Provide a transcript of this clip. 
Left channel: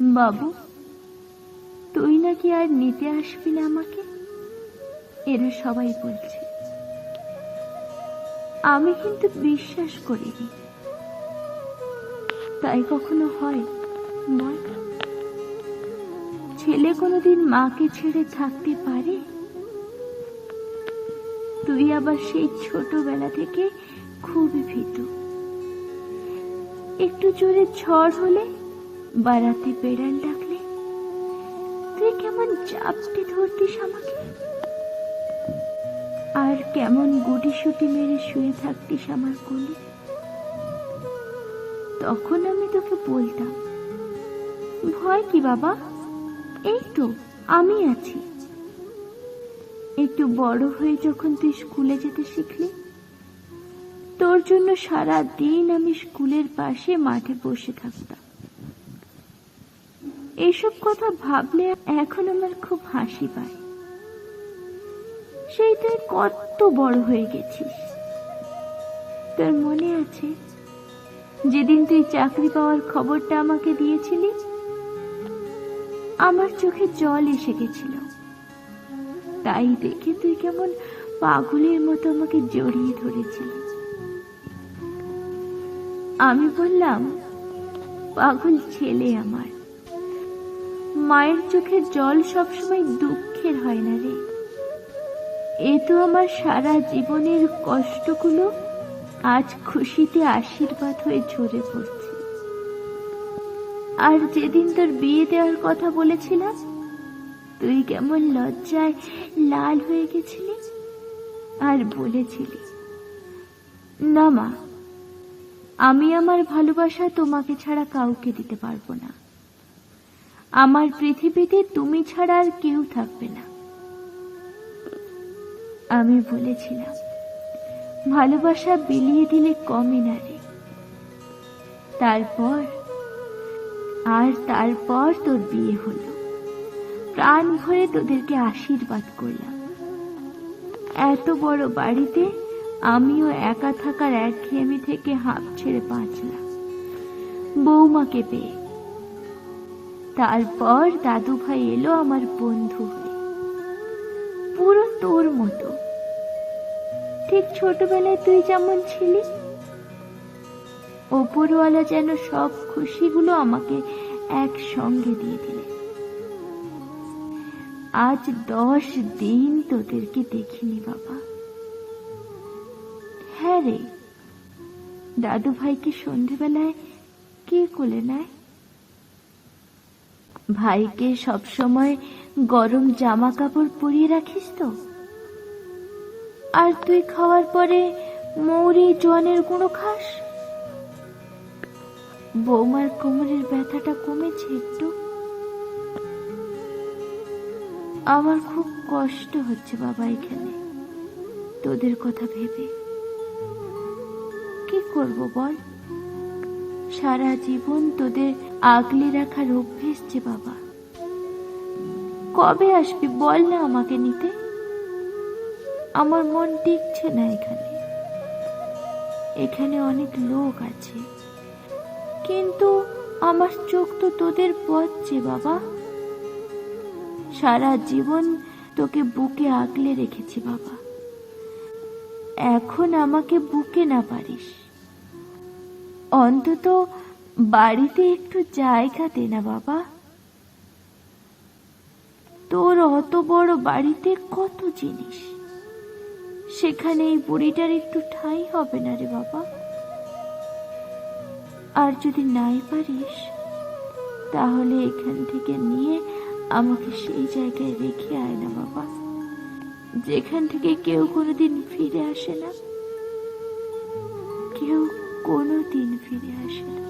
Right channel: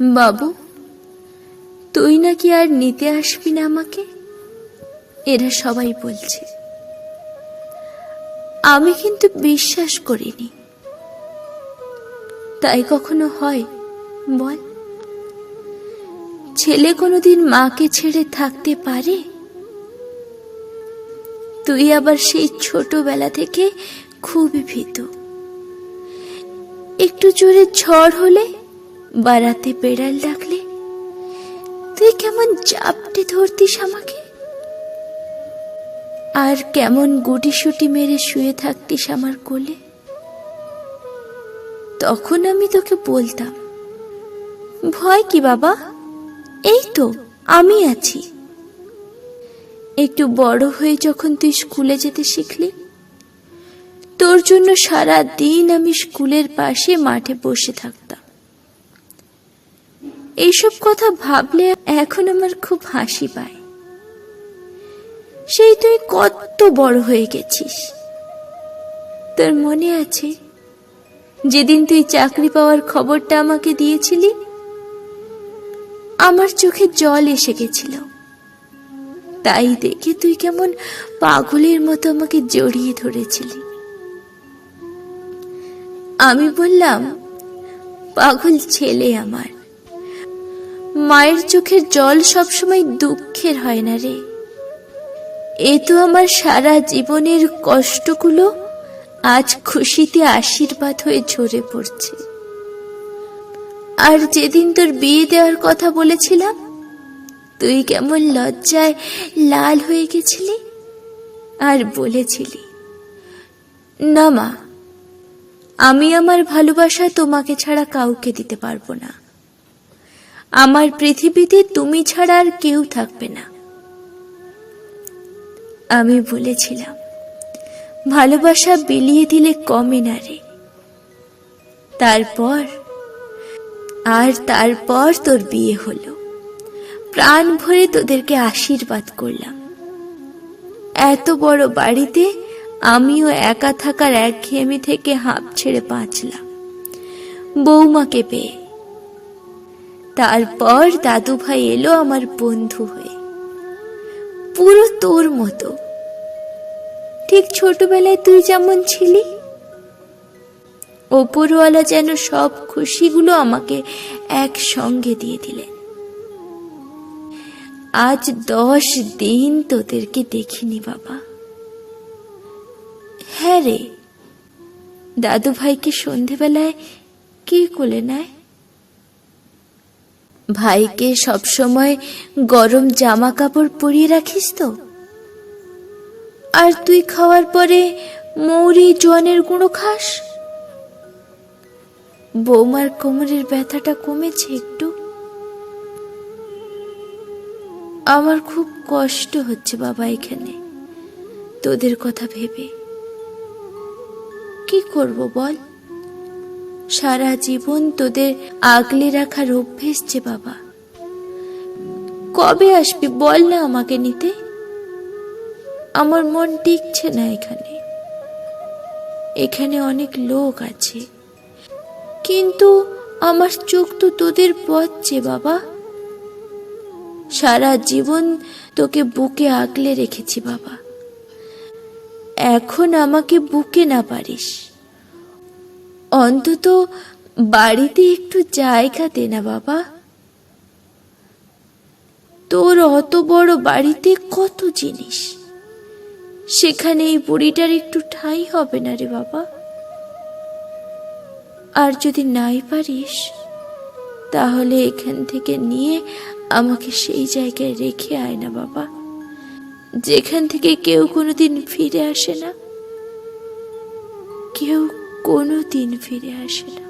বাবু, তুই নাকি আর নিতে আসবি না আমাকে, এরা সবাই বলছে। আমি কিন্তু বিশ্বাস করিনি। তাই কখনো হয় বল? ছেলে কোনোদিন মাকে ছেড়ে থাকতে পারে? তুই আবার সেই ছোটবেলা থেকে খুবই ভীতু। একটু জোরে ঝড় হলে বা রাতে বেড়াল ডাকলে তুই কেমন চাপটে ধরতিস আমাকে, আর কেমন গুটিসুটি মেরে শুয়ে থাকতিস আমার কোলে। তখন আমি তোকে বলতাম, ভয় কি বাবা, এই তো আমি আছি। একটু বড় হয়ে যখন তুই স্কুলে যেতে শিখলি, তোর জন্য সারা দিন আমি স্কুলের পাশে মাঠে বসে থাকতাম। এইসব কথা ভাবলে এখন আমার খুব হাসি পায়। সেই তুই কত বড় হয়ে গেছিস। তোর মনে আছে যেদিন তুই চাকরি পাওয়ার খবরটা আমাকে দিয়েছিলি? আমার চোখে জল এসে গেছিল। তাই দেখে তুই কেমন পাগলের মতো আমাকে জড়িয়ে ধরেছিলি। আমি বললাম, পাগল ছেলে আমার, মায়ের চোখের জল সবসময় দুঃখের হয় না রে। এ তো আমার সারা জীবনের কষ্টগুলো আজ খুশিতে আশীর্বাদ হয়ে ঝরে পড়ছে। আর যেদিন তোর বিয়ে দেওয়ার কথা বলেছিলাম, তুই কেমন লজ্জায় লাল হয়ে গেছিলি আর বলেছিলি, না মা, আমি আমার ভালোবাসা তোমাকে ছাড়া কাউকে দিতে পারবো না। আমার পৃথিবীতে তুমি ছাড়া আর কেউ থাকবে না। আমি বলেছিলাম, ভালোবাসা বিলিয়ে দিলে কমে না রে। তারপর তোর বিয়ে হলো। প্রাণ ভরে তোদেরকে আশীর্বাদ করলাম। এত বড় বাড়িতে আমিও একা থাকার একঘেয়েমি থেকে হাঁপ ছেড়ে বাঁচলাম বৌমাকে পেয়ে। তারপর দাদু ভাই এলো আমার বন্ধু হয়ে, পুরো তোর মতো। ঠিক ছোটবেলায় তুই যেমন ছিলি, ওপরওয়ালা যেন সব খুশিগুলো আমাকে একসঙ্গে দিয়ে দিলেন। আজ 10 দিন তোদেরকে দেখিনি বাবা। হ্যাঁ রে, দাদু ভাইকে সন্ধেবেলায় কি কোলে নেয়? ভাইকে সবসময় গরম জামা কাপড় পরিয়ে রাখিস তো? আর তুই খাওয়ার পরে মৌরি জোয়ানের গুঁড়ো খাস? বৌমার কোমরের ব্যথাটা কমেছে একটু? আমার খুব কষ্ট হচ্ছে বাবা এখানে তোদের কথা ভেবে। কি করব বল? সারা জীবন তোদের আগলে রাখার অভ্যেস যে বাবা। কবে আসবি বল না আমাকে নিতে? আমার মন টিকছে না এখানে। এখানে অনেক লোক আছে, কিন্তু আমার চোখ তো তোদের পথ যে বাবা। সারা জীবন তোকে বুকে আগলে রেখেছি বাবা। এখন আমাকে বুকে না পারিস, অন্তত বাড়িতে একটু জায়গা দে না বাবা। তোর অত বড় বাড়িতে কত জিনিস, সেখানে এই বুড়িটার একটু ঠাঁই হবে না রে বাবা। আর যদি নাই পারিস, তাহলে এখান থেকে নিয়ে আমাকে সেই জায়গায় রেখে আয় না বাবা, যেখান থেকে কেউ কোনোদিন ফিরে আসে না। কেউ কোনোদিন ফিরে আসে না।